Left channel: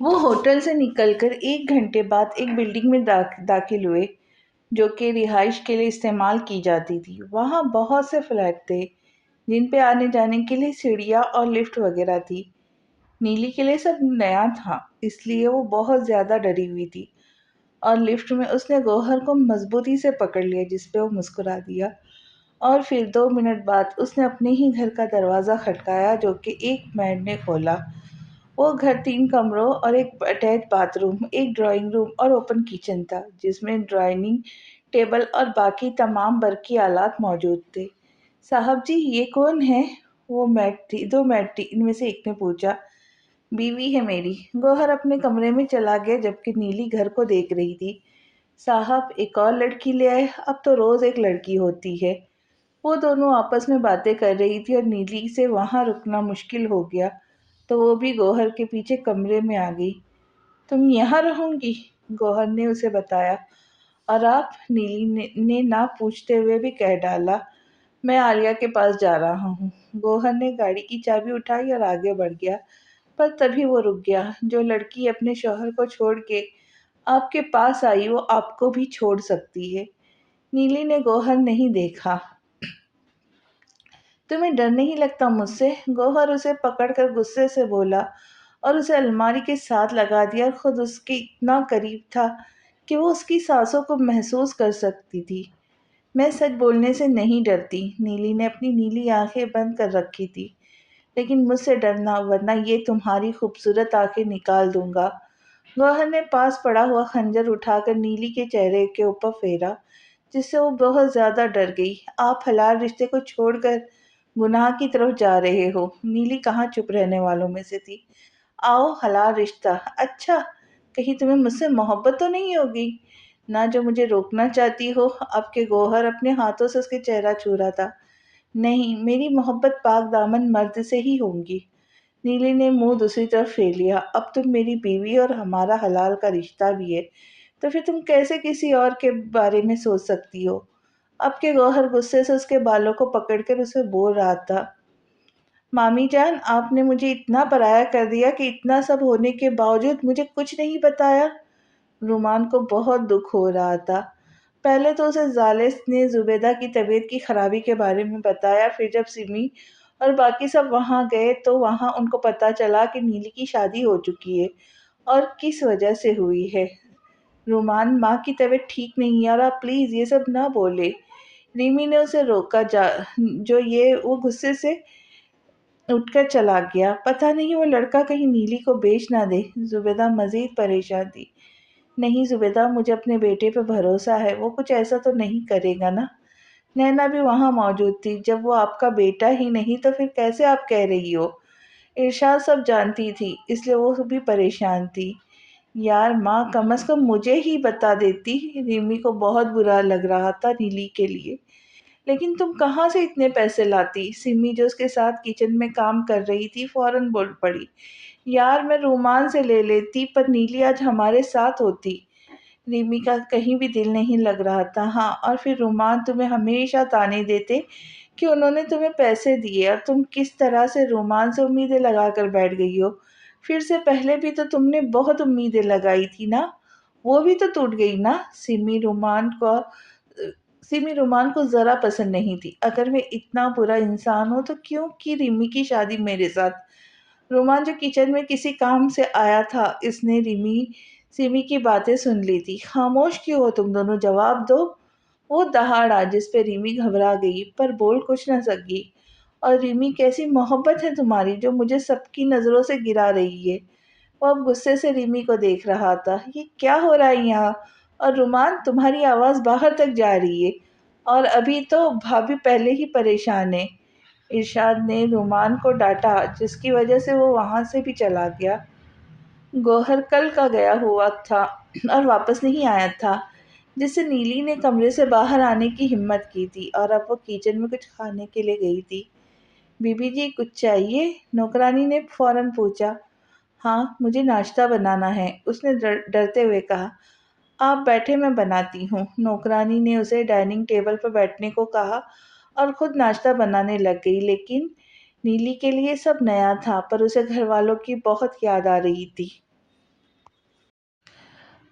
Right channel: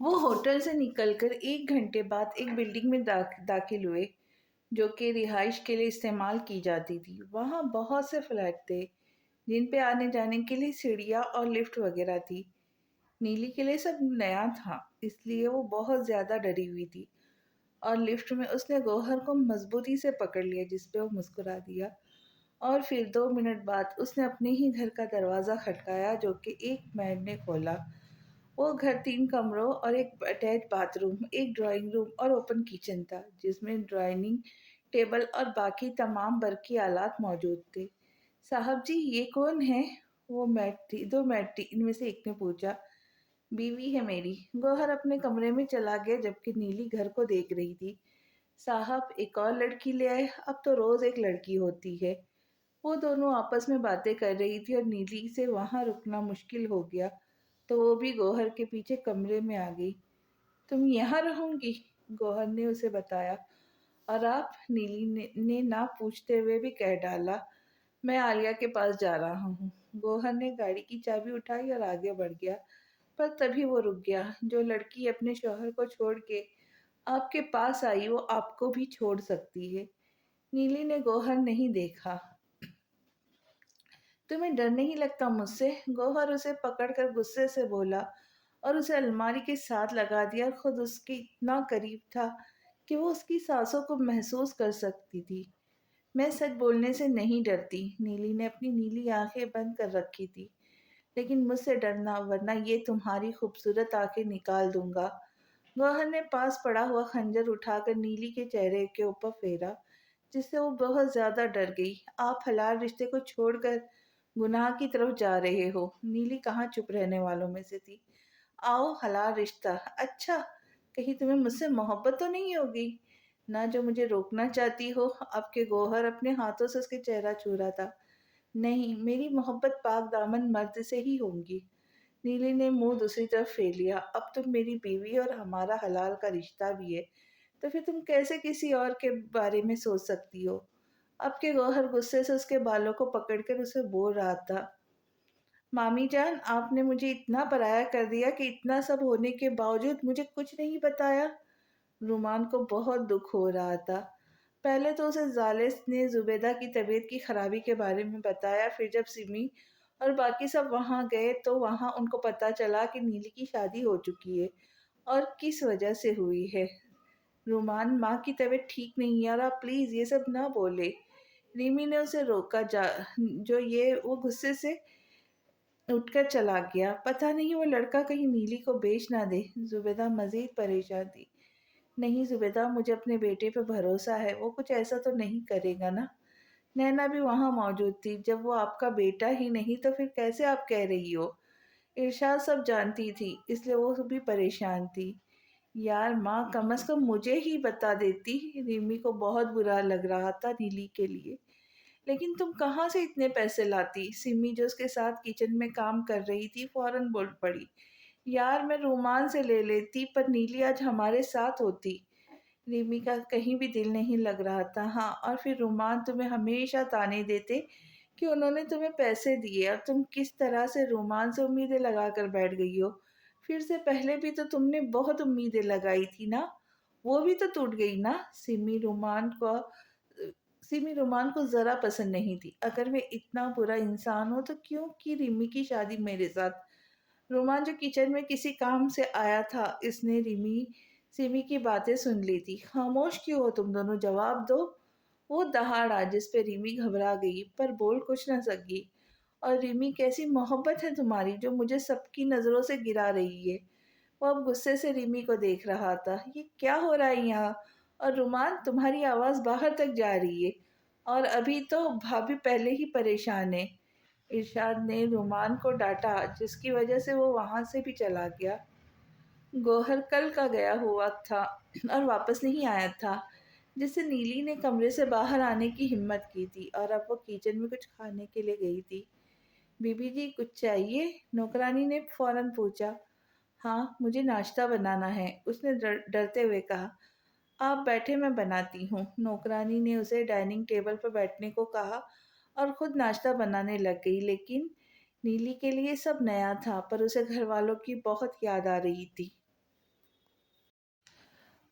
وہ ہوٹل سے نکل کر 1 گھنٹے بعد ایک بلڈنگ میں داخل ہوئے جو کہ رہائش کے لیے استعمال کی جاتی تھی۔ وہاں بہت سے فلیٹ تھے جن پہ آنے جانے کے لیے سیڑھیاں اور لفٹ وغیرہ تھی۔ نیلی کے لیے سب نیا تھا، اس لیے وہ بہت زیادہ ڈری ہوئی تھی، اور لفٹ میں اس نے گوہر کو مضبوطی سے پکڑ لیا جس پہ وہ مسکرا دیا، اور پھر 2 منٹ بعد اس نے اپنے ہی گھر کا دروازہ کھٹکایا جو کہ ایک میڈ نے کھولا۔ وہ گھر 3 کمروں اور ایک اٹیچ باتھ روم، ایک ڈرائنگ روم اور اوپن کچن تھا جس میں ڈرائننگ ٹیبل اور باقی تمام برقی آلات موجود تھے۔ صاحب جی یہ کون ہے؟ وہ میڈ تھی، 2 میڈ تھی، ان میں سے ایک نے پوچھا۔ بیوی ہے میری۔ گوہر اپنے کمرے میں چلا گیا جبکہ نیلی گھر کو دیکھ رہی تھی۔ صاحب ایک اور لڑکی لے آئے، اب تو روز ایک لڑکی ہوتی ہے۔ وہ دونوں آپس میں باتیں کر رہی تھی اور نیلی سے وہاں رکنا مشکل ہو گیا تو وہ بھی گوہر کے پیچھے کمرے میں آ گئی۔ تم یہاں رہوں گی؟ گوہر نے اسے بتایا۔ اور آپ؟ نیلی نے نہ پوچھتے ہوئے بھی کہہ ڈالا۔ میں عالیہ کے پاس جا رہا ہوں۔ گوہر نے گاڑی کی چابی اٹھائی اور آگے بڑھ گیا، پر تبھی وہ رک گیا۔ جو لڑکی اپنے شوہر کو چھوڑ کے آپ کے پاس آئی وہ آپ کو بھی چھوڑ سکتی ہے۔ نیلی نے گوہر نہیں دیکھا۔ تمہیں ڈر نہیں لگتا مجھ سے؟ گوہر اسے پکڑ کر غصے سے بولا اور اسے الماری کے ساتھ لگا دیا، اور خود اس کے اتنا قریب تھا کہ وہ اس کی سانسوں کو محسوس کر سکتی تھی۔ میں سچ بولنے سے نہیں ڈرتی۔ نیلی نے اپنی نیلی آنکھیں بند کر رکھی تھی۔ لیکن مجھ سے ڈرنا، ورنہ یہ تمہاری خوبصورت آنکھیں نکال دوں گا۔ گوہر نے پاس پڑا ہوا خنجر اٹھا کر نیلی کے چہرے کے اوپر پھیرا، جس سے وہ بہت زیادہ ڈر گئی۔ آپ حلال رشتے کو چھوڑ کر گناہ کی طرف جا رہے ہو؟ نیلی کہاں چپ رہنے والوں میں سے تھی۔ آؤ، حلال رشتہ؟ اچھا، کہیں تمہیں مجھ سے محبت تو نہیں ہوگی نہ جو مجھے روکنا چاہتی ہو؟ اب کے گوہر اپنے ہاتھوں سے اس کے چہرہ چھو رہا تھا۔ نہیں، میری محبت پاک دامن مرد سے ہی ہوگی۔ نیلی نے منہ دوسری طرف پھیر لیا۔ اب تم میری بیوی اور ہمارا حلال کا رشتہ بھی ہے، تو پھر تم کیسے کسی اور کے بارے میں سوچ سکتی ہو؟ اب کے گوہر غصے سے اس کے بالوں کو پکڑ کر اسے بول رہا تھا۔ مامی جان، آپ نے مجھے اتنا پرایا کر دیا کہ اتنا سب ہونے کے باوجود مجھے کچھ نہیں بتایا۔ رومان کو بہت دکھ ہو رہا تھا۔ پہلے تو اسے زالس نے زبیدہ کی طبیعت کی خرابی کے بارے میں بتایا، پھر جب سمی اور باقی سب وہاں گئے تو وہاں ان کو پتہ چلا کہ نیلی کی شادی ہو چکی ہے اور کس وجہ سے ہوئی ہے۔ رومان، ماں کی طبیعت ٹھیک نہیں ہے اور آپ پلیز یہ سب نہ بولے۔ ریمی نے اسے روکا، وہ غصے سے اٹھ کر چلا گیا۔ پتہ نہیں وہ لڑکا کہیں نیلی کو بیچ نہ دے۔ زبیدہ مزید پریشان تھی۔ نہیں زبیدہ، مجھے اپنے بیٹے پہ بھروسہ ہے، وہ کچھ ایسا تو نہیں کرے گا نا؟ نینا بھی وہاں موجود تھی۔ جب وہ آپ کا بیٹا ہی نہیں تو پھر کیسے آپ کہہ رہی ہو؟ ارشاد سب جانتی تھی، اس لیے وہ بھی پریشان تھی۔ یار ماں، کم از کم مجھے ہی بتا دیتی۔ ریمی کو بہت برا لگ رہا تھا نیلی کے لیے۔ لیکن تم کہاں سے اتنے پیسے لاتی؟ سمی جو اس کے ساتھ کچن میں کام کر رہی تھی فوراً بول پڑی۔ یار میں رومان سے لے لیتی، پر نیلی آج ہمارے ساتھ ہوتی۔ ریمی کا کہیں بھی دل نہیں لگ رہا تھا۔ ہاں، اور پھر رومان تمہیں ہمیشہ طعنے دیتے کہ انہوں نے تمہیں پیسے دیے، اور تم کس طرح سے رومان سے امیدیں لگا کر بیٹھ گئی ہو۔ پھر سے پہلے بھی تو تم نے بہت امیدیں لگائی تھی نا، وہ بھی تو ٹوٹ گئی نا؟ سمی رومان کو ذرا پسند نہیں تھی۔ اگر میں اتنا برا انسان ہوں تو کیوں کی ریمی کی شادی میرے ساتھ؟ رومان جو کچن میں کسی کام سے آیا تھا، اس نے سمی کی باتیں سن لی تھی۔ خاموش کیوں ہو تم دونوں؟ جواب دو۔ وہ دہاڑا جس پہ ریمی گھبرا گئی پر بول کچھ نہ سکی۔ اور ریمی، کیسی محبت ہے تمہاری جو مجھے سب کی نظروں سے گرا رہی ہے؟ وہ اب غصے سے ریمی کو دیکھ رہا تھا۔ یہ کیا ہو رہا ہے یہاں؟ اور رومان، تمہاری آواز باہر تک جا رہی ہے، اور ابھی تو بھابھی پہلے ہی پریشان ہے۔ ارشاد نے رومان کو ڈانٹا، جس کی وجہ سے وہ وہاں سے بھی چلا گیا۔ گوہر کل کا گیا ہوا تھا اور واپس نہیں آیا تھا، جس سے نیلی نے کمرے سے باہر آنے کی ہمت کی تھی، اور اب وہ کچن میں کچھ کھانے کے لیے گئی تھی۔ بی بی جی کچھ چاہیے؟ نوکرانی نے فوراً پوچھا۔ ہاں، مجھے ناشتہ بنانا ہے، اس نے ڈرتے ہوئے کہا۔ آپ بیٹھے، میں بناتی ہوں۔ نوکرانی نے اسے ڈائننگ ٹیبل پر بیٹھنے کو کہا اور خود ناشتہ بنانے لگ گئی۔ لیکن نیلی کے لیے سب نیا تھا، پر اسے گھر والوں کی بہت یاد آ رہی تھی۔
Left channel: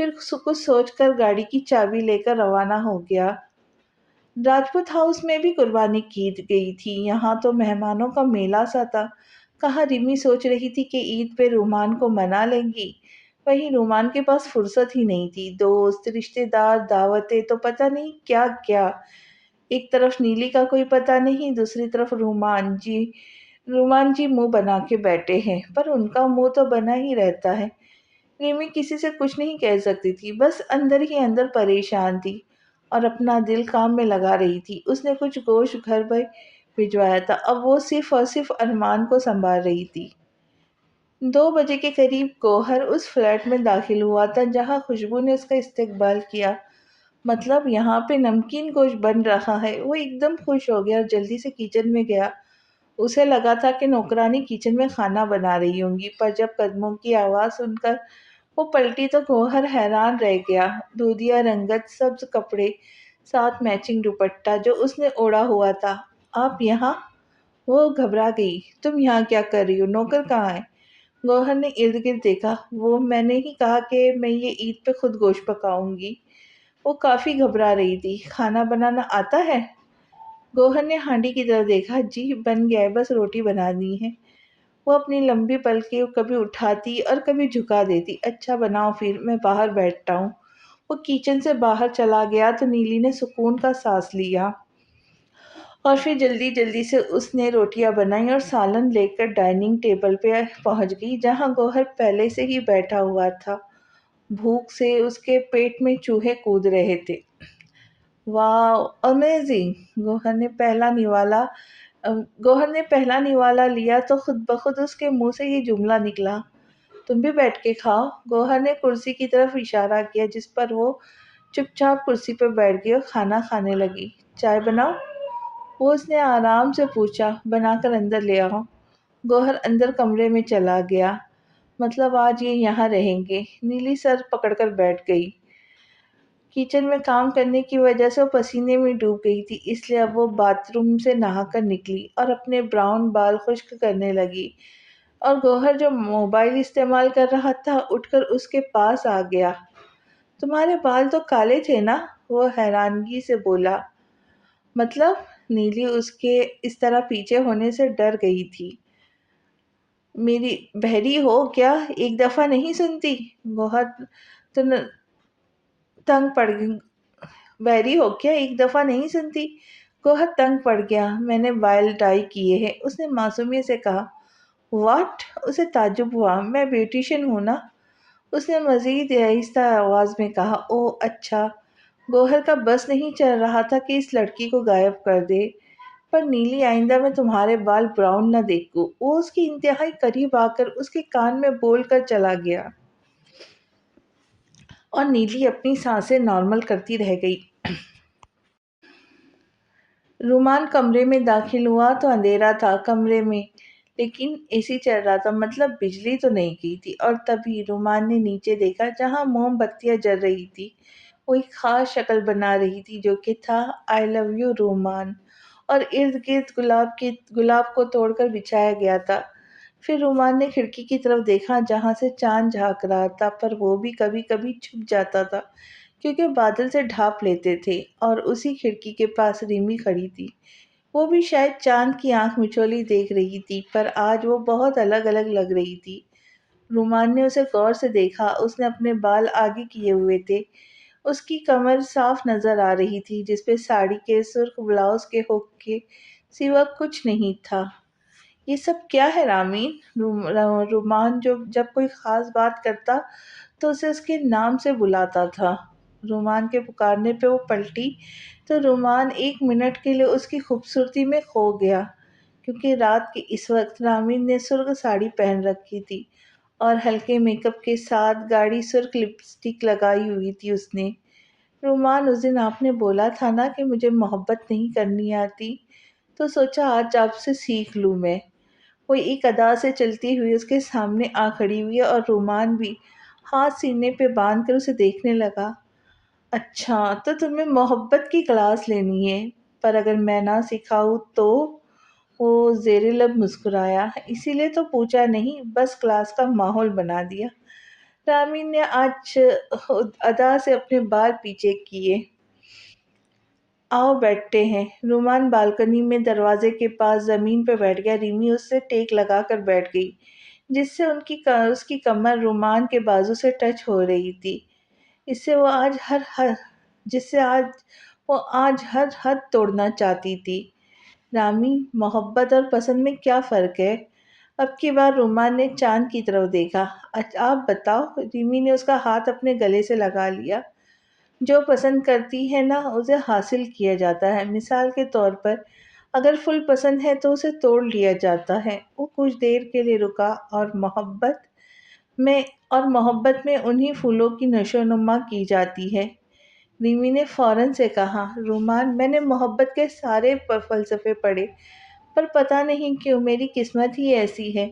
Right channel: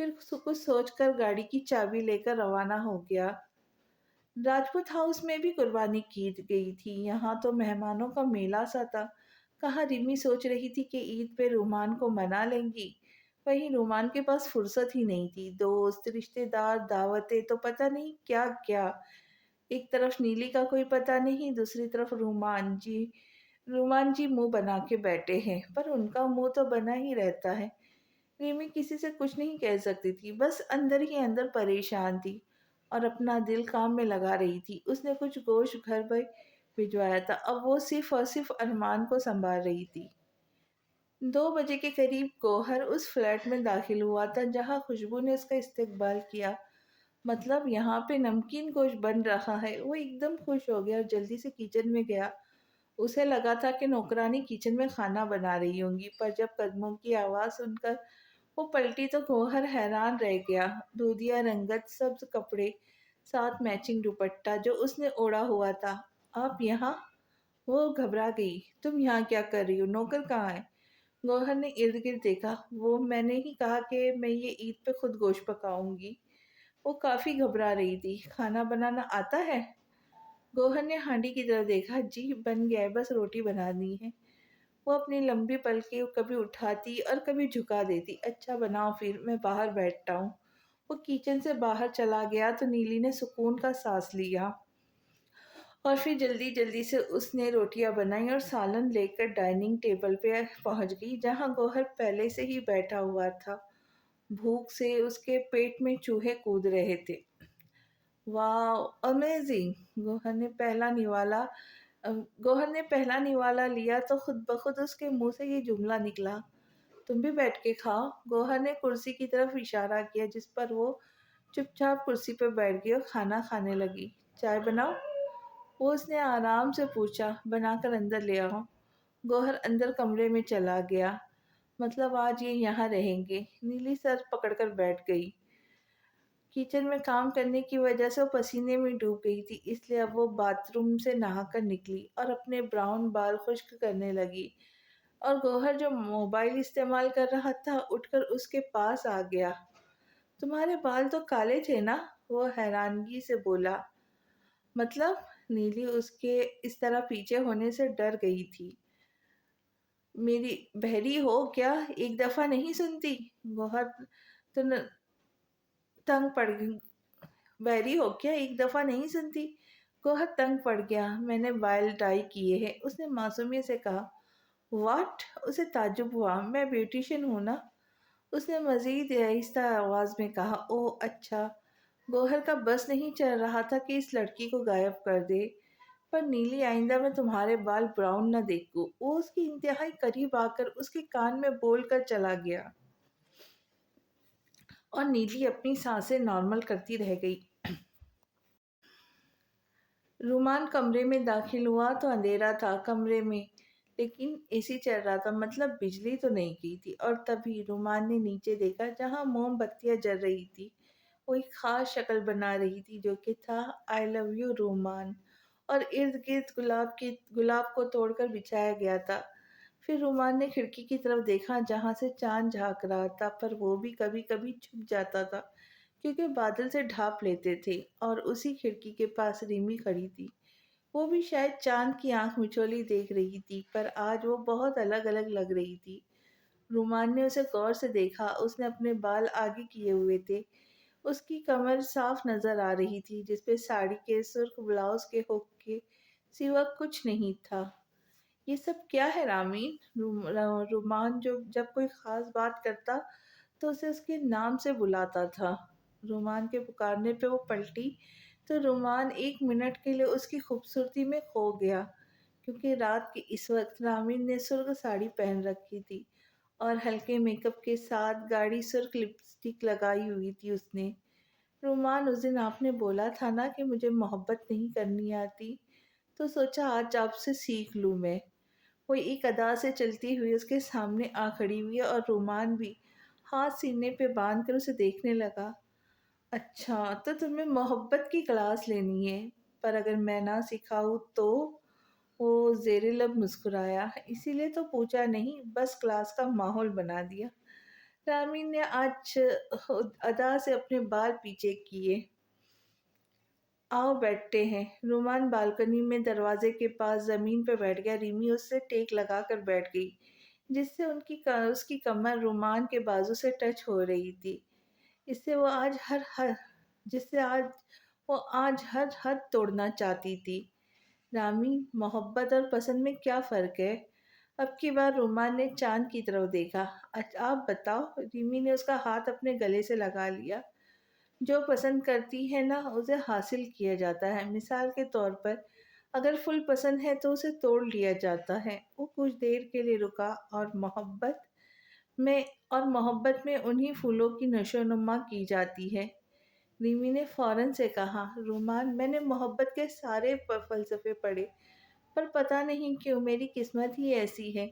پھر کچھ سوچ کر گاڑی کی چابی لے کر روانہ ہو گیا۔ راجپوت ہاؤس میں بھی قربانی کی گئی تھی، یہاں تو مہمانوں کا میلہ سا تھا۔ کہاں رمی سوچ رہی تھی کہ عید پہ رومان کو منا لیں گی، وہیں رومان کے پاس فرصت ہی نہیں تھی۔ دوست رشتے دار دعوتیں تو پتہ نہیں کیا کیا، ایک طرف نیلی کا کوئی پتہ نہیں، دوسری طرف رومان جی منہ بنا کے بیٹھے ہیں، پر ان کا منہ تو بنا ہی رہتا ہے۔ ریمی کسی سے کچھ نہیں کہہ سکتی تھی، بس اندر ہی اندر پریشان تھی اور اپنا دل کام میں لگا رہی تھی۔ اس نے کچھ گوشت گھر پر بھجوایا تھا، اب وہ صرف اور صرف ارمان کو سنبھال رہی تھی۔ 2 بجے کے قریب گوہر اس فلیٹ میں داخل ہوا تھا جہاں خوشبو نے اس کا استقبال کیا۔ مطلب یہاں پہ نمکین گوشت بن رہا ہے۔ وہ ایک دم خوش ہو گیا اور جلدی سے کچن میں گیا۔ اسے لگا تھا کہ نوکرانی کچن میں کھانا بنا رہی ہوں گی، پر جب قدموں کی آواز سن کر وہ پلٹی تو گوہر حیران رہ گیا۔ دودھیا رنگت سبز کپڑے، ساتھ میچنگ دوپٹہ جو اس نے اوڑھا ہوا تھا۔ آپ یہاں؟ وہ گھبرا گئی۔ تم یہاں کیا کر رہی ہو؟ نوکر کہاں ہے؟ گوہر نے ارد گرد دیکھا۔ وہ میں نے ہی کہا کہ میں یہ عید پہ خود گوشت پکاؤں گی۔ وہ کافی گھبرا رہی تھی۔ کھانا بنانا آتا ہے؟ گوہر نے ہانڈی کی طرف دیکھا۔ جی بن گیا ہے، بس روٹی بنانی ہے۔ وہ اپنی لمبی پلکیں کبھی اٹھاتی اور کبھی جھکا دیتی۔ اچھا بناؤ پھر، میں باہر بیٹھتا ہوں۔ وہ کچن سے باہر چلا گیا تو نیلی نے سکون کا سانس لیا، اور پھر جلدی جلدی سے اس نے روٹیاں بنائی اور سالن لے کر ڈائننگ ٹیبل پہ پہنچ گئی جہاں گوہر پہلے سے ہی بیٹھا ہوا تھا۔ بھوک سے اس کے پیٹ میں چوہے کود رہے تھے۔ واو امیزنگ! گوہر نے پہلا نوالا لیا تو خود بخود اس کے منہ سے یہ جملہ نکلا، تم بھی بیٹھ کے کھاؤ۔ گوہر نے کرسی کی طرف اشارہ کیا جس پر وہ چپ چاپ کرسی پہ بیٹھ گئی اور کھانا کھانے لگی۔ چائے بناؤ؟ وہ اس نے آرام سے پوچھا۔ بنا کر اندر لے آؤ۔ گوہر اندر کمرے میں چلا گیا۔ مطلب آج یہ یہاں رہیں گے؟ نیلی سر پکڑ کر بیٹھ گئی۔ کچن میں کام کرنے کی وجہ سے وہ پسینے میں ڈوب گئی تھی، اس لیے اب وہ باتھ روم سے نہا کر نکلی اور اپنے براؤن بال خشک کرنے لگی، اور گوہر جو موبائل استعمال کر رہا تھا اٹھ کر اس کے پاس آ گیا۔ تمہارے بال تو کالے تھے نا؟ وہ حیرانگی سے بولا۔ مطلب؟ نیلی اس کے اس طرح پیچھے ہونے سے ڈر گئی تھی۔ میری بہری ہو کیا؟ ایک دفعہ نہیں سنتی؟ گوہر تو تنگ پڑ گئی۔ بحری ہو کیا؟ ایک دفعہ نہیں سنتی؟ گوہر تنگ پڑ گیا۔ میں نے بال ڈائی کیے ہیں، اس نے معصومیت سے کہا۔ واٹ؟ اسے تعجب ہوا۔ میں بیوٹیشین ہوں نا؟ اس نے مزید آہستہ آواز میں کہا۔ اوہ اچھا۔ گوہر کا بس نہیں چل رہا تھا کہ اس لڑکی کو غائب کر دے، پر نیلی آئندہ میں تمہارے بال براؤن نہ دیکھوں۔ وہ اس کی انتہائی قریب آ کر اس کے کان میں بول کر چلا گیا، اور نیلی اپنی سانسیں نارمل کرتی رہ گئی۔ رومان کمرے میں داخل ہوا تو اندھیرا تھا کمرے میں، لیکن اے سی چل رہا تھا، مطلب بجلی تو نہیں گئی تھی۔ اور تبھی رومان نے نیچے دیکھا جہاں موم بتیاں جل رہی تھی۔ وہ ایک خاص شکل بنا رہی تھی جو کہ تھا آئی لو یو رومان، اور ارد گرد گلاب کو توڑ کر بچھایا گیا تھا۔ پھر رومان نے کھڑکی کی طرف دیکھا جہاں سے چاند جھانک رہا تھا، پر وہ بھی کبھی کبھی چھپ جاتا تھا کیونکہ بادل سے ڈھانپ لیتے تھے، اور اسی کھڑکی کے پاس ریمی کھڑی تھی۔ وہ بھی شاید چاند کی آنکھ مچولی دیکھ رہی تھی، پر آج وہ بہت الگ الگ لگ رہی تھی۔ رومان نے اسے غور سے دیکھا۔ اس نے اپنے بال آگے کیے ہوئے تھے، اس کی کمر صاف نظر آ رہی تھی جس پہ ساڑی کے سرخ بلاؤز کے ہک کے سوا کچھ نہیں تھا۔ یہ سب کیا ہے رامین؟ رومان جب کوئی خاص بات کرتا تو اسے اس کے نام سے بلاتا تھا۔ رومان کے پکارنے پہ وہ پلٹی تو رومان 1 منٹ کے لیے اس کی خوبصورتی میں کھو گیا، کیونکہ رات کے اس وقت رامین نے سرخ ساڑی پہن رکھی تھی اور ہلکے میک اپ کے ساتھ گاڑی سرخ لپسٹک لگائی ہوئی تھی اس نے۔ رومان اس دن آپ نے بولا تھا نا کہ مجھے محبت نہیں کرنی آتی، تو سوچا آج آپ سے سیکھ لوں میں۔ وہ ایک ادا سے چلتی ہوئی اس کے سامنے آ کھڑی ہوئی اور رومان بھی ہاتھ سینے پہ باندھ کر اسے دیکھنے لگا۔ اچھا تو تمہیں محبت کی کلاس لینی ہے، پر اگر میں نہ سکھاؤں تو؟ وہ زیر لب مسکرایا۔ اسی لیے تو پوچھا نہیں، بس کلاس کا ماحول بنا دیا۔ رامین نے آج ادا سے اپنے بال پیچھے کیے۔ آؤ بیٹھتے ہیں۔ رومان بالکنی میں دروازے کے پاس زمین پہ بیٹھ گیا۔ ریمی اس سے ٹیک لگا کر بیٹھ گئی، جس سے اس کی کمر رومان کے بازو سے ٹچ ہو رہی تھی۔ اس سے وہ جس سے وہ آج ہر حد توڑنا چاہتی تھی۔ رامی، محبت اور پسند میں کیا فرق ہے؟ اب کی بار رومان نے چاند کی طرف دیکھا۔ اچھا آپ بتاؤ۔ ریمی نے اس کا ہاتھ اپنے گلے سے لگا لیا۔ جو پسند کرتی ہے نا اسے حاصل کیا جاتا ہے۔ مثال کے طور پر اگر پھول پسند ہے تو اسے توڑ لیا جاتا ہے۔ وہ کچھ دیر کے لیے رکا میں محبت میں انہی پھولوں کی نشو و نما کی جاتی ہے۔ ریمی نے فوراً سے کہا، رومان میں نے محبت کے سارے فلسفے پڑھے، پر پتہ نہیں کیوں میری قسمت ہی ایسی ہے۔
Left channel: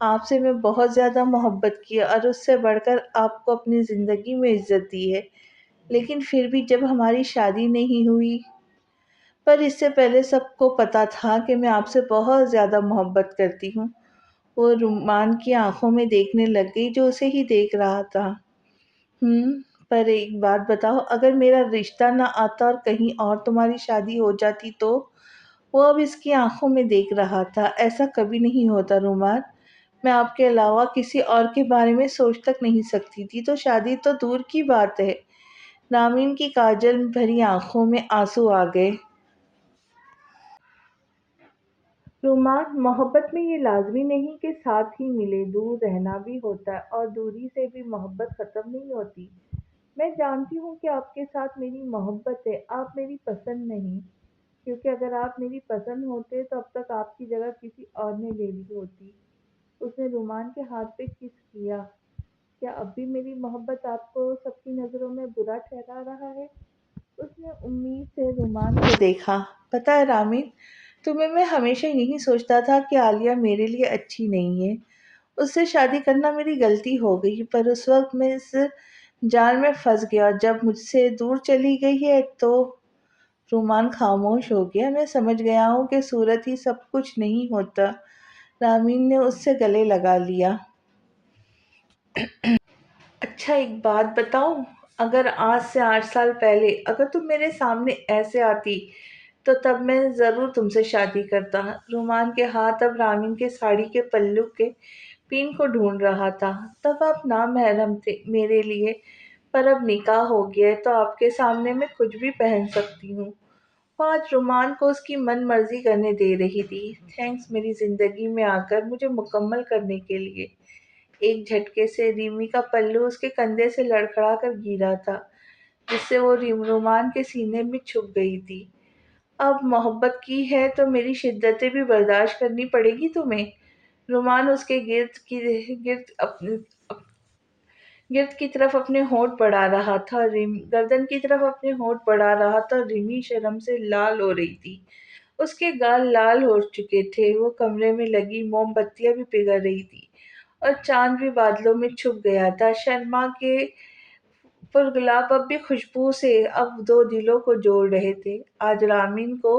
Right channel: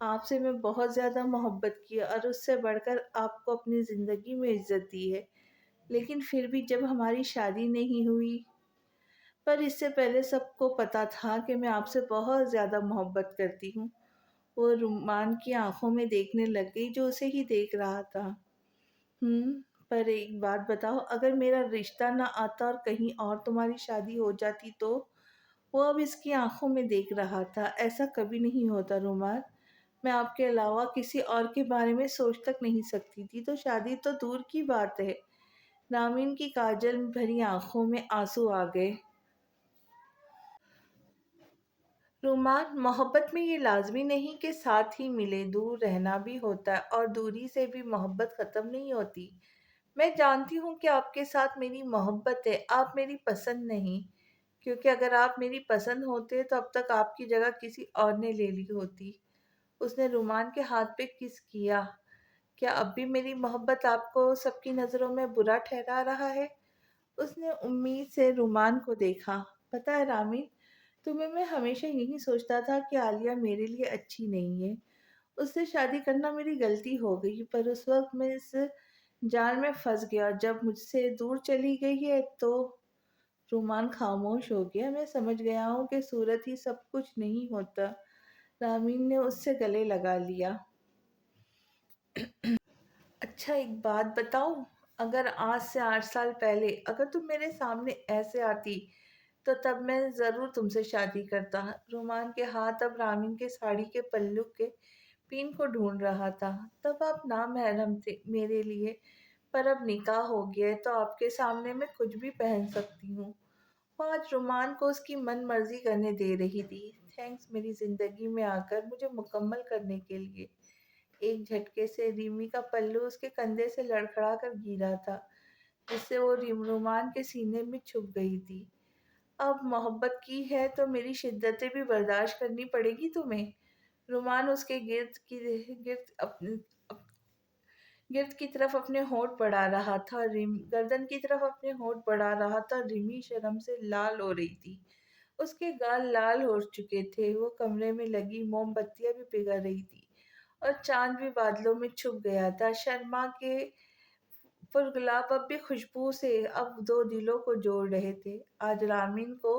آپ سے میں بہت زیادہ محبت کی اور اس سے بڑھ کر آپ کو اپنی زندگی میں عزت دی ہے، لیکن پھر بھی جب ہماری شادی نہیں ہوئی، پر اس سے پہلے سب کو پتا تھا کہ میں آپ سے بہت زیادہ محبت کرتی ہوں۔ وہ رومان کی آنکھوں میں دیکھنے لگ گئی جو اسے ہی دیکھ رہا تھا۔ پر ایک بات بتاؤ، اگر میرا رشتہ نہ آتا اور کہیں اور تمہاری شادی ہو جاتی تو؟ وہ اب اس کی آنکھوں میں دیکھ رہا تھا۔ ایسا کبھی نہیں ہوتا رومان، میں آپ کے علاوہ کسی اور کے بارے میں سوچ تک نہیں سکتی تھی، تو شادی تو دور کی بات ہے۔ رامین کی کاجل بھری آنکھوں میں آنسو آ گئے۔ رومان، محبت میں یہ لازمی نہیں کہ ساتھ ہی ملے، دور رہنا بھی ہوتا ہے، اور دوری سے بھی محبت ختم نہیں ہوتی۔ میں جانتی ہوں کہ آپ کے ساتھ میری محبت ہے، آپ میری پسند نہیں، کیونکہ اگر آپ میری پسند ہوتے تو اب تک آپ کی جگہ کسی اور نے لے لی ہوتی۔ اس نے رومان کے ہاتھ پہ کس کیا۔ کیا اب بھی میری محبت آپ کو سب کی نظروں میں برا ٹھہرا رہا ہے؟ اس نے امید سے رومان کو دیکھا۔ پتہ ہے رامین، تمہیں میں ہمیشہ یہی سوچتا تھا کہ عالیہ میرے لیے اچھی نہیں ہے۔ اس سے شادی کرنا میری غلطی ہو گئی، پر اس وقت میں اس جال میں پھنس گیا، اور جب مجھ سے دور چلی گئی ہے تو… رومان خاموش ہو گیا۔ میں سمجھ گیا ہوں کہ صورت ہی سب کچھ نہیں ہوتا۔ رامین نے اس سے گلے لگا لیا۔ اچھا ایک بات بتاؤں، اگر آج سے 8 سال پہلے اگر تم میرے سامنے ایسے آتی تو تب میں ضرور تم سے شادی کرتا۔ رومان کے ہاتھ اب رامین کے ساڑی کے پلو کے پین کو ڈھونڈ رہا تھا۔ تب آپ نامحرم تھے میرے لیے، پر اب نکاح ہو گیا ہے تو آپ کے سامنے میں کچھ بھی پہن سکتی ہوں۔ وہ آج رومان کو اس کی من مرضی کرنے دے رہی تھی۔ تھینکس میری زندگی میں آ کر مجھے مکمل کرنے کے لیے۔ ایک جھٹکے سے ریمی کا پلو اس کے کندھے سے لڑکھڑا کر گرا تھا، جس سے وہ رومان کے سینے میں چھپ گئی تھی۔ اب محبت کی ہے تو میری شدتیں بھی برداشت کرنی پڑے گی تمہیں۔ رومان اس کے گرد کی طرف اپنے ہونٹ بڑھا رہا تھا، گردن کی طرف اپنے ہونٹ بڑھا رہا تھا، اور ریمی شرم سے لال ہو رہی تھی۔ اس کے گال لال ہو چکے تھے، وہ کمرے میں لگی موم بتیاں بھی پگھل رہی تھی، اور چاند بھی بادلوں میں چھپ گیا تھا۔ شرما کے پرگلاب اب بھی خوشبو سے اب دو دلوں کو جوڑ رہے تھے۔ آج رامین کو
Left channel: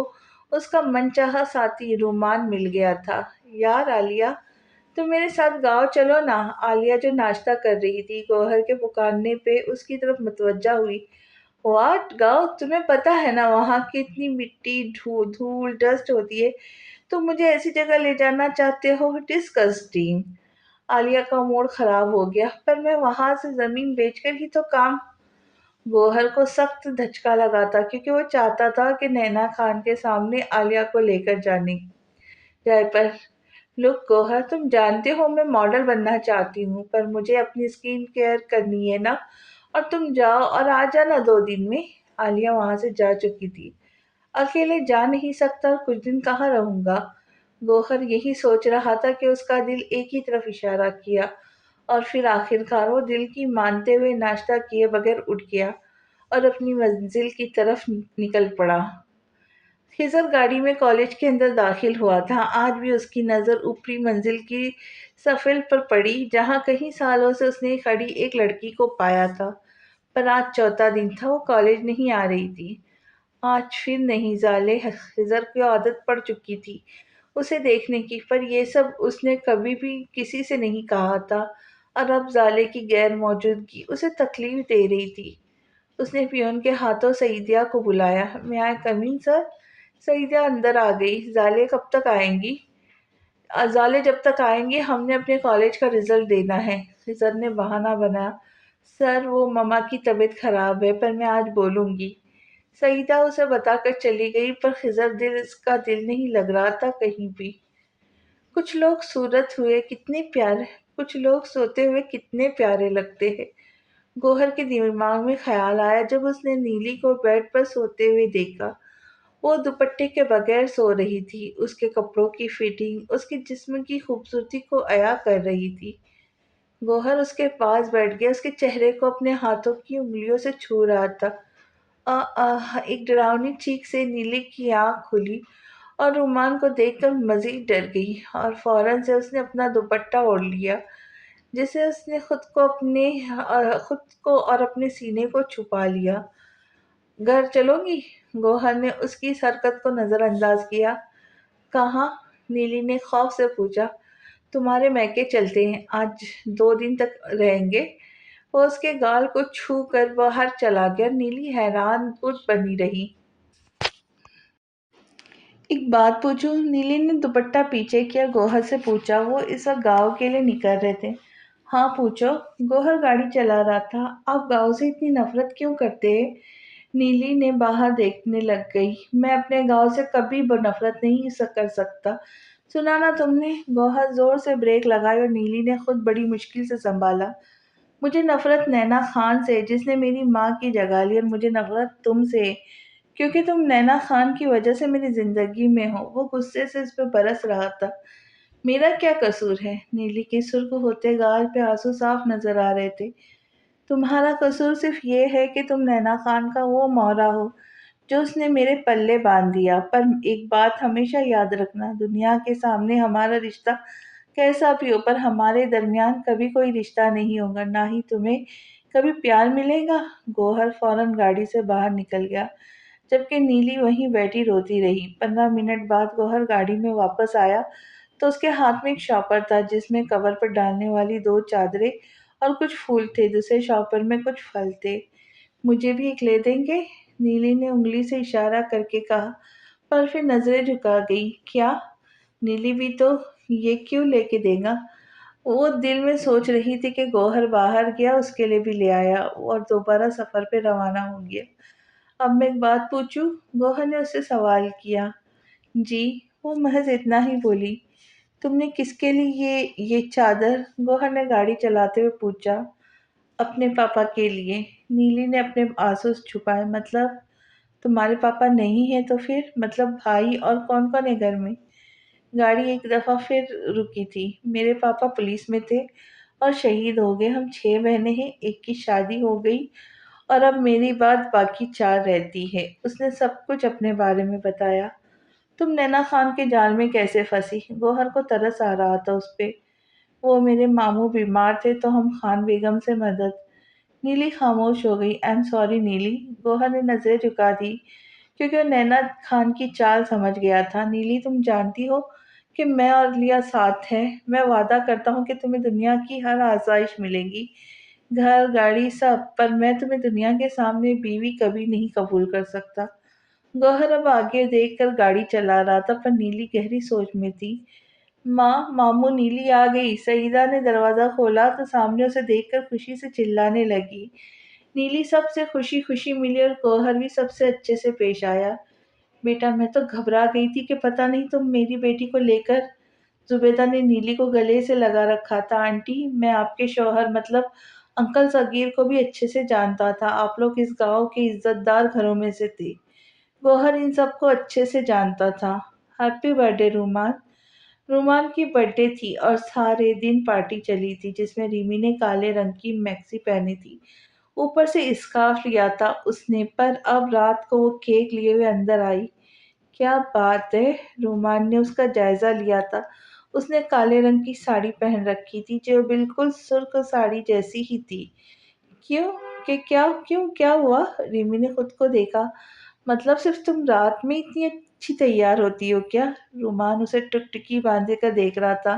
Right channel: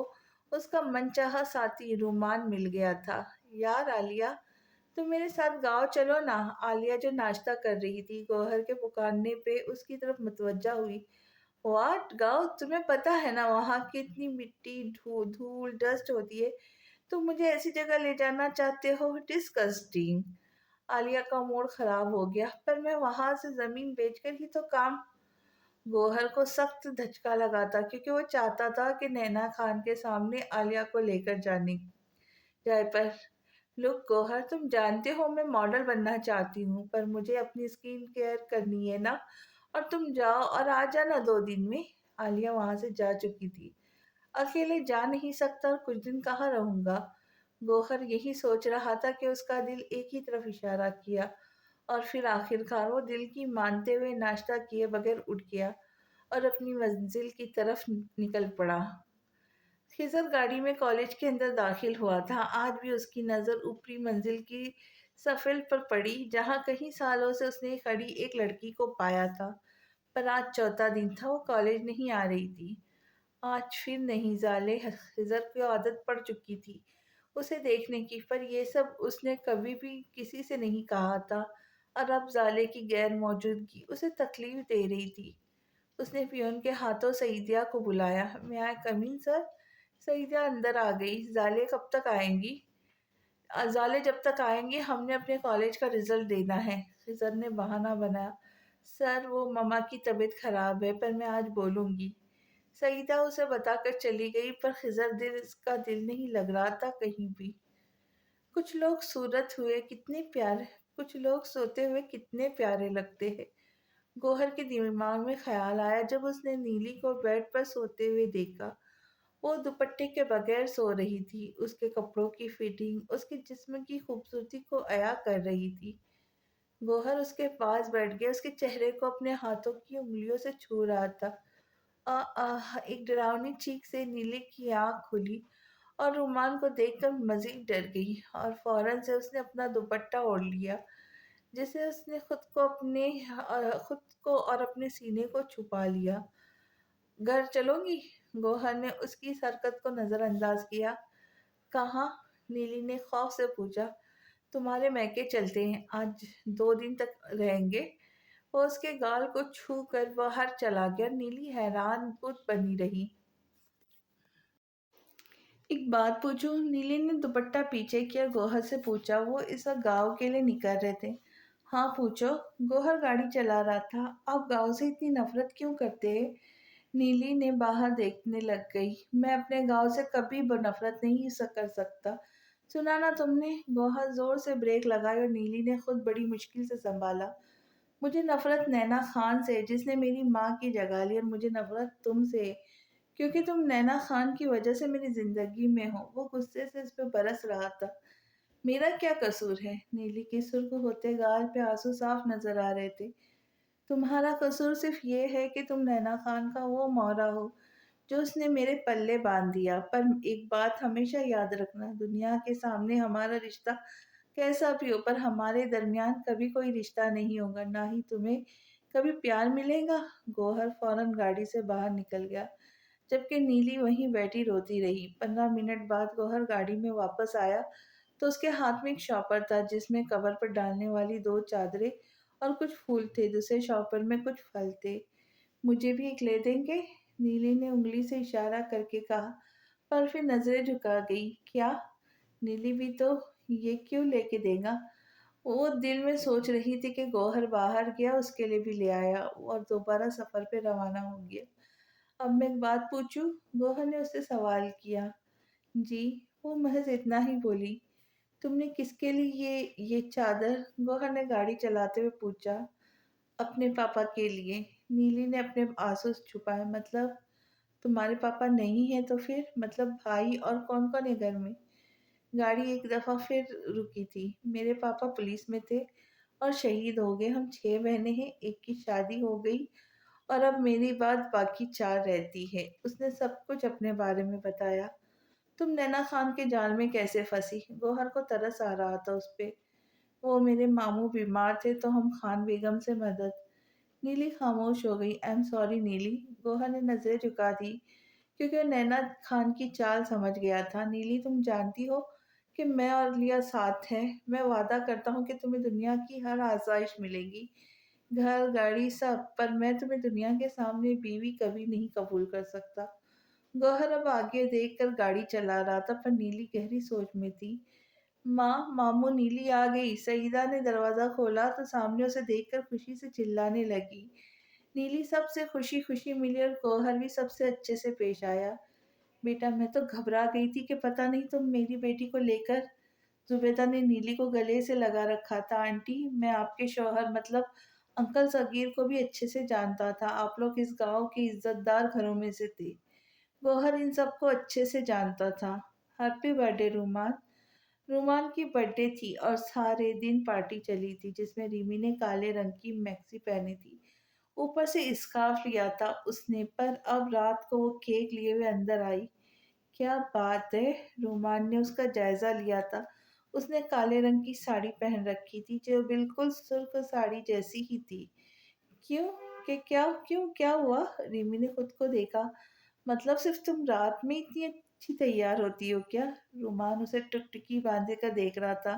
اس کا من چاہا ساتھی رومان مل گیا تھا۔ یار عالیہ، تم میرے ساتھ گاؤں چلو نا۔ عالیہ جو ناشتہ کر رہی تھی، گوہر کے پکارنے پہ اس کی طرف متوجہ ہوئی۔ واٹ گاؤں؟ تمہیں پتہ ہے نا وہاں کتنی مٹی، دھول، ڈسٹ ہوتی ہے، تم مجھے ایسی جگہ لے جانا چاہتے ہو؟ ڈسکسٹنگ۔ عالیہ کا موڈ خراب ہو گیا۔ پر میں وہاں سے زمین بیچ کر ہی تو کام… گوہر کو سخت دھچکا لگا تھا، کیونکہ وہ چاہتا تھا کہ نینا خان کے سامنے عالیہ کو لے کر جائے پر… لک گوہر، تم جانتے ہو میں ماڈل بننا چاہتی ہوں، پر مجھے اپنی سکن کیئر کرنی ہے نا، اور تم جاؤ اور آ جانا 2 دن میں۔ عالیہ وہاں سے جا چکی تھی۔ اکیلے جا نہیں سکتا اور کچھ دن کہاں رہوں گا؟ گوہر یہی سوچ رہا تھا کہ اس کا دل ایک ہی طرف اشارہ کیا، اور پھر آخرکار وہ دل کی مانتے ہوئے ناشتہ کیے بغیر اٹھ گیا اور اپنی منزل کی طرف نکل پڑا۔ خضر گاڑی میں کالج کے اندر داخل ہوا تھا۔ آج بھی اس کی نظر اوپری منزل کی سفل پر پڑی، جہاں کئی سالوں سے اس نے کھڑی ایک لڑکی کو پایا تھا، پر آج چوتھا دن تھا وہ کالج نہیں آ رہی تھی۔ آج پھر نہیں ظالے، خضر کو عادت پڑ چکی تھی اسے دیکھنے کی، پر یہ سب اس نے کبھی بھی کسی سے نہیں کہا تھا۔ اور اب زالے کی غیر موجودگی اسے تکلیف دے رہی تھی۔ اس نے پیون کے ہاتھوں سعیدیہ کو بلایا۔ میں آئی کمین سر؟ سعیدیہ اندر آ گئی۔ زالے کب تک آئیں گی؟ زالے جب تک آئیں گے ہم نے اپنے کالج کا رزلٹ دینا ہے۔ خضر نے بہانہ بنایا۔ سر وہ مما کی طبیعت خراب ہے پر میں آج بولوں گی۔ سعیدہ اسے بتا کر چلی گئی پر خضر اس کا دل نہیں لگ رہا تھا کہیں بھی۔ کچھ لوگ صورت ہوئے کتنے پیارے، کچھ لوگ سوتے ہوئے کتنے پیارے لگتے ہیں۔ گوہر کے دماغ میں خیال آیا جب اس نے نیلی کو بیڈ پر سوتے ہوئے دیکھا۔ وہ دوپٹے کے بغیر سو رہی تھی۔ اس کے کپڑوں کی فٹنگ اس کے جسم کی خوبصورتی کو عیا کر رہی تھی۔ گوہر اس کے پاس بیٹھ گیا، اس کے چہرے کو اپنے ہاتھوں کی انگلیوں سے چھو رہا تھا۔ ایک ڈراؤنی چیخ سے نیلی کی آنکھ کھلی اور رومان کو دیکھ کر مزید ڈر گئی اور فوراً سے اس نے اپنا دوپٹہ اوڑھ لیا جسے اس نے خود کو اور اپنے سینے کو چھپا لیا۔ گھر چلو گی؟ گوہر نے اس کی اس حرکت کو نظر انداز کیا۔ کہاں؟ نیلی نے خوف سے پوچھا۔ تمہارے میکے چلتے ہیں، آج 2 دن تک رہیں گے۔ وہ اس کے گال کو چھو کر باہر چلا گیا۔ نیلی حیران بنی رہی۔ ایک بات پوچھوں؟ نیلی نے دوپٹہ پیچھے کیا، گوہر سے پوچھا۔ وہ اس وقت گاؤں کے لیے نکل رہے تھے۔ ہاں پوچھو۔ گوہر گاڑی چلا رہا تھا۔ آپ گاؤں سے اتنی نفرت کیوں کرتے ہیں؟ نیلی نے باہر دیکھنے لگ گئی۔ میں اپنے گاؤں سے کبھی نفرت نہیں کر سکتا۔ سنا نا تم نے؟ گوہر زور سے بریک لگائی اور نیلی نے خود بڑی مشکل سے سنبھالا۔ مجھے نفرت نینا خان سے جس نے میری ماں کی جگہ لی، اور مجھے نفرت تم سے کیونکہ تم نینا خان کی وجہ سے میری زندگی میں ہو۔ وہ غصے سے اس پہ برس رہا تھا۔ میرا کیا قصور ہے؟ نیلی کے سرخ ہوتے گال پہ آنسو صاف نظر آ رہے تھے۔ تمہارا قصور صرف یہ ہے کہ تم نینا خان کا وہ مورا ہو جو اس نے میرے پلے باندھ دیا۔ پر ایک بات ہمیشہ یاد رکھنا، دنیا کے سامنے ہمارا رشتہ کیسا بھی ہو پر ہمارے درمیان کبھی کوئی رشتہ نہیں ہوگا، نہ ہی تمہیں کبھی پیار ملے گا۔ گوہر فوراً گاڑی سے باہر نکل گیا جبکہ نیلی وہیں بیٹھی روتی رہی۔ 15 منٹ بعد گوہر گاڑی میں واپس آیا تو اس کے ہاتھ میں ایک شاپر تھا جس میں کور پر ڈالنے والی 2 چادریں اور کچھ پھول تھے۔ دوسرے شاپر میں کچھ پھل تھے۔ مجھے بھی ایک لے دیں گے؟ نیلی نے انگلی سے اشارہ کر کے کہا پر پھر نظریں جھکا گئی۔ کیا؟ نیلی بھی تو یہ کیوں لے کے دے گا؟ وہ دل میں سوچ رہی تھی کہ گوہر باہر گیا اس کے لیے بھی لے آیا اور دوبارہ سفر پہ روانہ ہو گیا۔ اب میں ایک بات پوچھوں؟ گوہر نے اس سے سوال کیا۔ جی؟ وہ محض اتنا ہی بولی۔ تم نے کس کے لیے یہ چادر؟ گوہر نے گاڑی چلاتے ہوئے پوچھا۔ اپنے پاپا کے لیے۔ نیلی نے اپنے آنسو چھپائے۔ مطلب تمہارے پاپا نہیں ہیں تو پھر؟ مطلب بھائی اور کون کون ہے گھر میں؟ گاڑی ایک دفعہ پھر رکی تھی۔ میرے پاپا پولیس میں تھے اور شہید ہو گئے۔ ہم 6 بہنیں ہیں، ایک کی شادی ہو گئی اور اب میری بعد باقی 4 رہتی ہے۔ اس نے سب کچھ اپنے بارے میں بتایا۔ تم نینا خان کے جال میں کیسے پھنسی؟ گوہر کو ترس آ رہا تھا اس پہ۔ وہ میرے ماموں بیمار تھے تو ہم خان بیگم سے مدد۔ نیلی خاموش ہو گئی۔ ایم سوری نیلی۔ گوہر نے نظریں جھکا دی کیونکہ وہ نینا خان کی چال سمجھ گیا تھا۔ نیلی تم جانتی ہو کہ میں اور لیا ساتھ ہیں۔ میں وعدہ کرتا ہوں کہ تمہیں دنیا کی ہر آسائش ملے گی، گھر گاڑی سب، پر میں تمہیں دنیا کے سامنے بیوی کبھی نہیں قبول کر سکتا۔ گوہر اب آگے دیکھ کر گاڑی چلا رہا تھا پر نیلی گہری سوچ میں تھی۔ ماں، ماموں، نیلی آ گئی۔ سعیدہ نے دروازہ کھولا تو سامنے اسے دیکھ کر خوشی سے چلانے لگی۔ نیلی سب سے خوشی خوشی ملی اور گوہر بھی سب سے اچھے سے پیش آیا۔ بیٹا میں تو گھبرا گئی تھی کہ پتہ نہیں تم میری بیٹی کو لے کر۔ زبیدہ نے نیلی کو گلے سے لگا رکھا تھا۔ آنٹی میں آپ کے شوہر مطلب انکل صغیر کو بھی اچھے سے جانتا تھا، آپ لوگ اس گاؤں کے عزت دار گھروں میں سے تھے۔ گوہر ان سب کو اچھے سے جانتا تھا۔ ہیپی برتھ ڈے رومان۔ رومان کی برتھ ڈے تھی اور سارے دن پارٹی چلی تھی جس میں ریمی نے کالے رنگ کی میکسی پہنی تھی، اوپر سے اسکارف لیا تھا اس نے، پر اب رات کو وہ کیک لیے ہوئے اندر آئی۔ کیا بات ہے! رومان نے اس کا جائزہ لیا تھا۔ اس نے کالے رنگ کی ساڑی پہن رکھی تھی جو بالکل سرخ ساڑی جیسی ہی تھی۔ کیا ہوا؟ ریمی نے خود کو دیکھا۔ مطلب صرف تم رات میں اتنی اچھی تیار ہوتی ہو کیا؟ رومان اسے ٹکٹکی باندھے کر دیکھ رہا تھا۔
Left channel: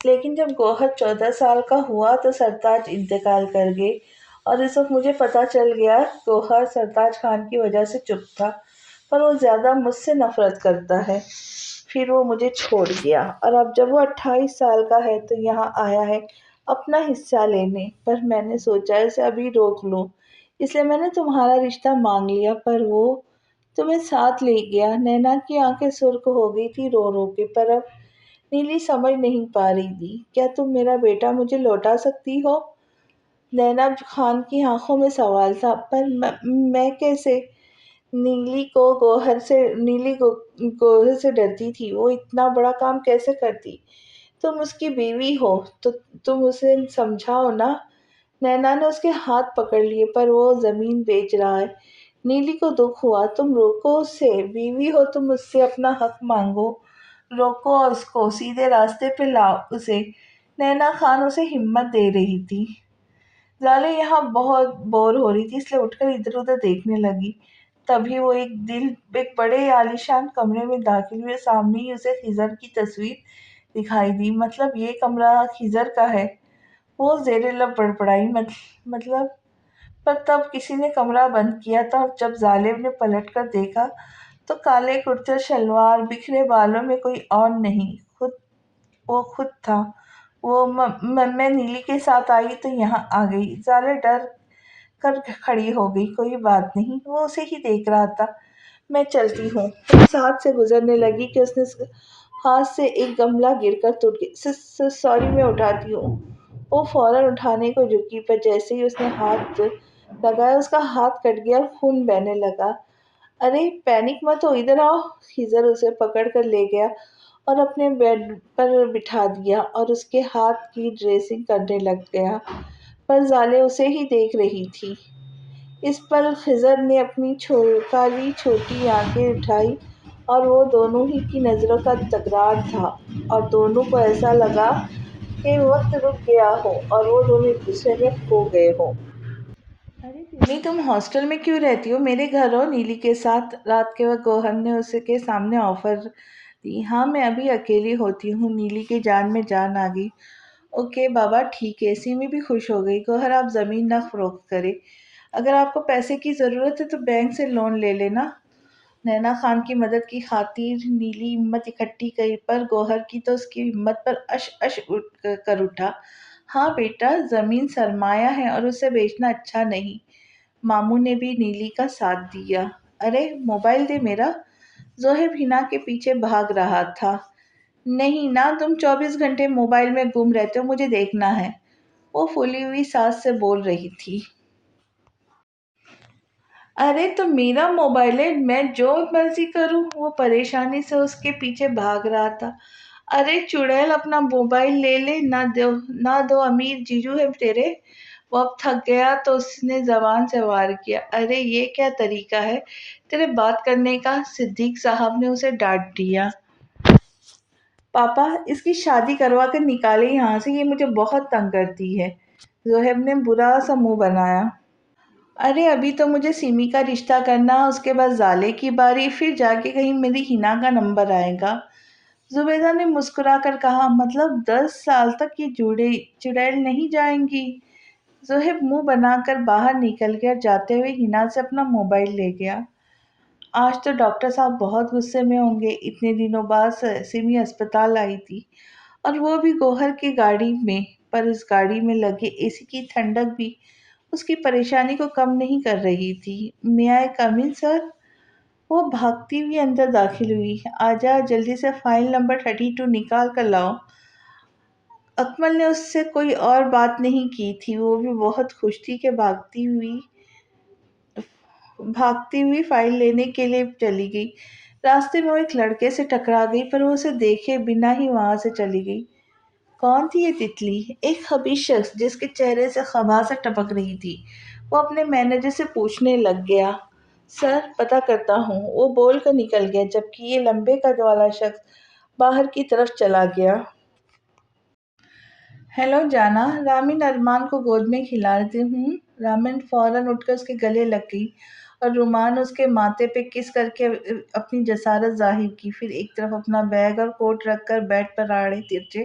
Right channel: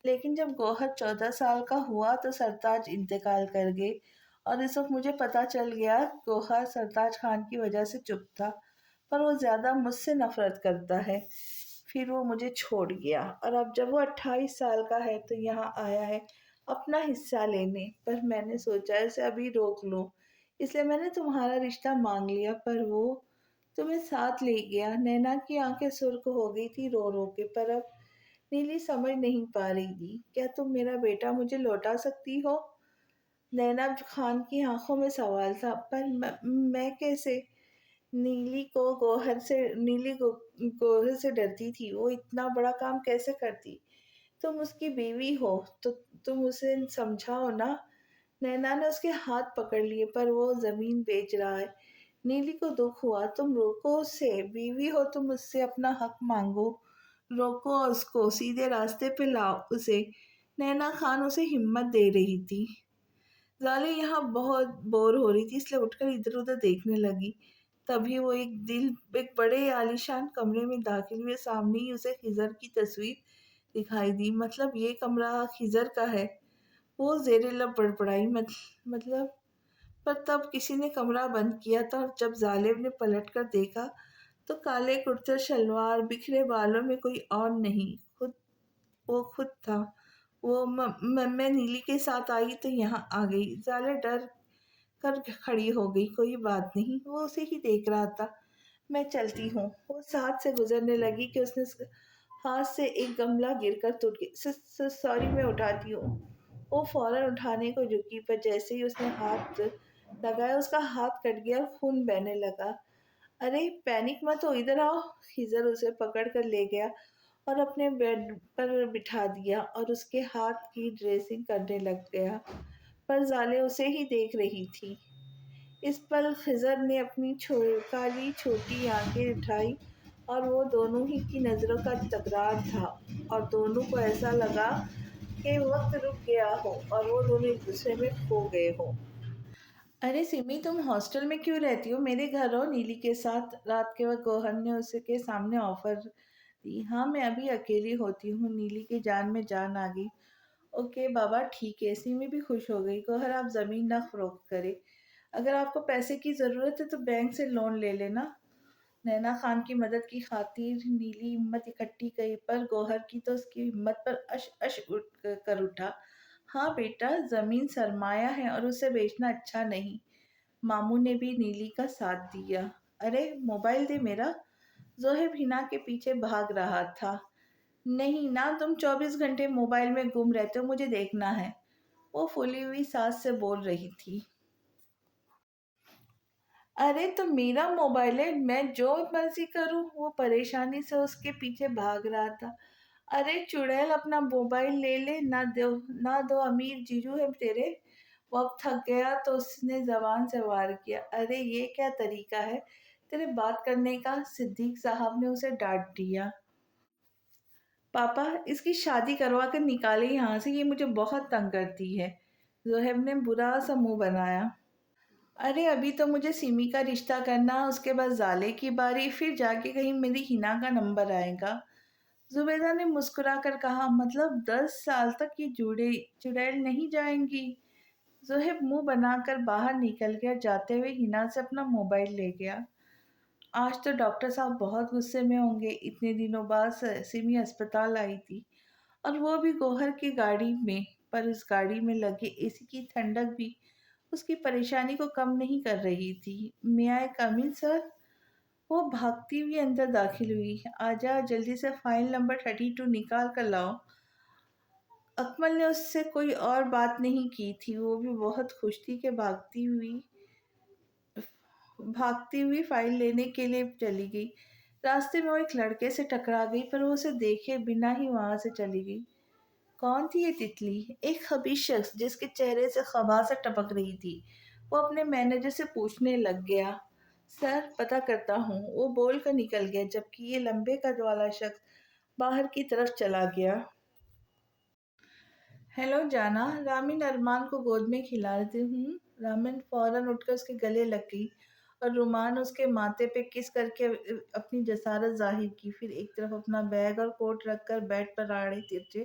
لیکن جب گوہر 14 سال کا ہوا تو سرتاج انتقال کر گئے، اور اس وقت مجھے پتہ چل گیا گوہر سرتاج خان کی وجہ سے چپ تھا، پر وہ زیادہ مجھ سے نفرت کرتا ہے۔ پھر وہ مجھے چھوڑ گیا، اور اب جب وہ 28 سال کا ہے تو یہاں آیا ہے اپنا حصہ لینے، پر میں نے سوچا اسے ابھی روک لوں، اس لیے میں نے تمہارا رشتہ مانگ لیا، پر وہ تمہیں ساتھ لے گیا۔ نینا کی آنکھیں سرخ ہو گئی تھی رو رو کے، پر اب نیلی سمجھ نہیں پا رہی تھی۔ کیا تم میرا بیٹا مجھے لوٹا سکتی ہو؟ نینا خان کی آنکھوں میں سوال تھا، پر میں کیسے؟ نیلی گوہر سے ڈرتی تھی، وہ اتنا بڑا کام کیسے کرتی؟ تم اس کی بیوی ہو تو تم اسے سمجھاؤ نا۔ نینا نے اس کے ہاتھ پکڑ لیے، پر وہ زمین بیچ رہا ہے۔ نیلی کو دکھ ہوا۔ تم روکو اسے، بیوی ہو تم اس سے اپنا حق مانگو، روکو اس کو، سیدھے راستے پہ لاؤ اسے۔ نینا خان اسے ہمت دے رہی تھی۔ زالے یہاں بہت بور ہو رہی تھی، اس لیے اٹھ کر ادھر ادھر دیکھنے لگی۔ تبھی وہ ایک بڑے عالیشان کمرے میں داخل ہوئے، سامنے ہی اسے خضر کی تصویر دکھائی دی۔ مطلب یہ کمرہ خضر کا ہے؟ وہ زیر لب بڑبڑائی، مطلب؟ پر تب کسی نے کمرہ بند کیا تھا، اور جب ظالم نے پلٹ کر دیکھا تو کالے کرتے شلوار، بکھرے بالوں میں کوئی اور نہیں، وہ خود تھا۔ میں نیلی کے ساتھ آئی تو یہاں آ گئی۔ ظالے ڈر کر کھڑی ہو گئی۔ کوئی بات نہیں، وہ اسے ہی دیکھ رہا تھا۔ میں چلتی ہوں۔ اس ہاتھ سے گزرنے لگی کہ اس نے ہاتھ سے ایک گملہ گر کر ٹوٹ گیا۔ سوری، میں اٹھاتی ہوں۔ وہ فوراً اٹھانے کو جھکی، پر جیسے ہی اس نے ہاتھ لگایا اس کا ہاتھ کٹ گیا اور خون بہنے لگا۔ ارے پینک مت ہو، ادھر آؤ۔ خضر اسے پکڑ کر لے گیا اور اپنے بیڈ پر بٹھا دیا، اور اس کے ہاتھ کی ڈریسنگ کرنے لگ گیا، پر زالے اسے ہی دیکھ رہی تھی۔ اس پل خضر نے اپنی کالی چھوٹی آنکھیں اٹھائی، اور وہ دونوں ہی کی نظروں کا تکرار تھا، اور دونوں کو ایسا لگا کہ وقت رک گیا ہو اور وہ دونوں ایک دوسرے میں کھو گئے ہوں۔ ارے سمی، تم ہاسٹل میں کیوں رہتی ہو؟ میرے گھر ہو نیلی کے ساتھ۔ رات کے وقت گوہر نے اس کے سامنے آفر دی۔ ہاں، میں ابھی اکیلی ہوتی ہوں۔ نیلی کی جان میں جان آ گئی۔ اوکے بابا، ٹھیک ہے۔ سمی بھی خوش ہو گئی۔ گوہر، آپ زمین نہ فروخت کرے، اگر آپ کو پیسے کی ضرورت ہے تو بینک سے لون لے لینا۔ نینا خان کی مدد کی خاطر نیلی ہمت اکٹھی کی، پر گوہر کی تو اس کی ہمت پر اش کر اٹھا۔ ہاں بیٹا، زمین سرمایہ ہے اور اسے بیچنا اچھا نہیں۔ ماموں نے بھی نیلی کا ساتھ دیا۔ ارے موبائل دے میرا۔ زوہب حنا کے پیچھے بھاگ رہا تھا۔ نہیں نا، تم 24 گھنٹے موبائل میں گم رہتے ہو، مجھے دیکھنا ہے، وہ پھولی ہوئی سانس سے بول رہی تھی۔ ارے تو میرا موبائل ہے، میں جو مرضی کروں۔ وہ پریشانی سے اس کے پیچھے بھاگ رہا تھا۔ ارے چڑیل، اپنا موبائل لے لے، نہ دو، امیر جیجو ہے تیرے۔ وہ اب تھک گیا تو اس نے زبان سے وار کیا۔ ارے یہ کیا طریقہ ہے تیرے بات کرنے کا؟ صدیق صاحب نے اسے ڈانٹ دیا۔ پاپا، اس کی شادی کروا کر نکالے یہاں سے، یہ مجھے بہت تنگ کرتی ہے۔ زوہب نے برا سا منہ بنایا۔ ارے ابھی تو مجھے سیمی کا رشتہ کرنا، اس کے بعد زالے کی باری، پھر جا کے کہیں میری حنا کا نمبر آئے گا۔ زبیدہ نے مسکرا کر کہا، مطلب 10 سال تک یہ چڑیل نہیں جائیں گی؟ زوہب منہ بنا کر باہر نکل گیا، جاتے ہوئے حنا سے اپنا موبائل لے گیا۔ آج تو ڈاکٹر صاحب بہت غصے میں ہوں گے، اتنے دنوں بعد سیمی اسپتال آئی تھی، اور وہ بھی گوہر کی گاڑی میں، پر اس گاڑی میں لگے اے سی کی ٹھنڈک بھی اس کی پریشانی کو کم نہیں کر رہی تھی۔ میں آئی کم ان سر؟ وہ بھاگتی ہوئی اندر داخل ہوئی۔ آجا، جلدی سے فائل نمبر 32 نکال کر لاؤ۔ اکمل نے اس سے کوئی اور بات نہیں کی تھی، وہ بھی بہت خوش تھی کہ بھاگتی ہوئی فائل لینے کے لیے چلی گئی۔ راستے میں وہ ایک لڑکے سے ٹکرا گئی، پر وہ اسے دیکھے بنا ہی وہاں سے چلی گئی۔ کون تھی یہ تتلی؟ ایک خبیث شخص جس کے چہرے سے خباثت ٹپک رہی تھی۔ وہ اپنے مینیجر سے پوچھنے لگ گیا۔ سر، پتہ کرتا ہوں، وہ بول کر نکل گیا، جبکہ یہ لمبے قد والا شخص باہر کی طرف چلا گیا۔ ہیلو جانا، رامن ارمان کو گود میں کھلاتی ہوں۔ رامن فوراً اٹھ کر اس کے گلے لگ گئی اور رومان اس کے ماتھے پہ کس کر کے اپنی جسارت ظاہر کی، پھر ایک طرف اپنا بیگ اور کوٹ رکھ کر بیڈ پر آڑے ترچے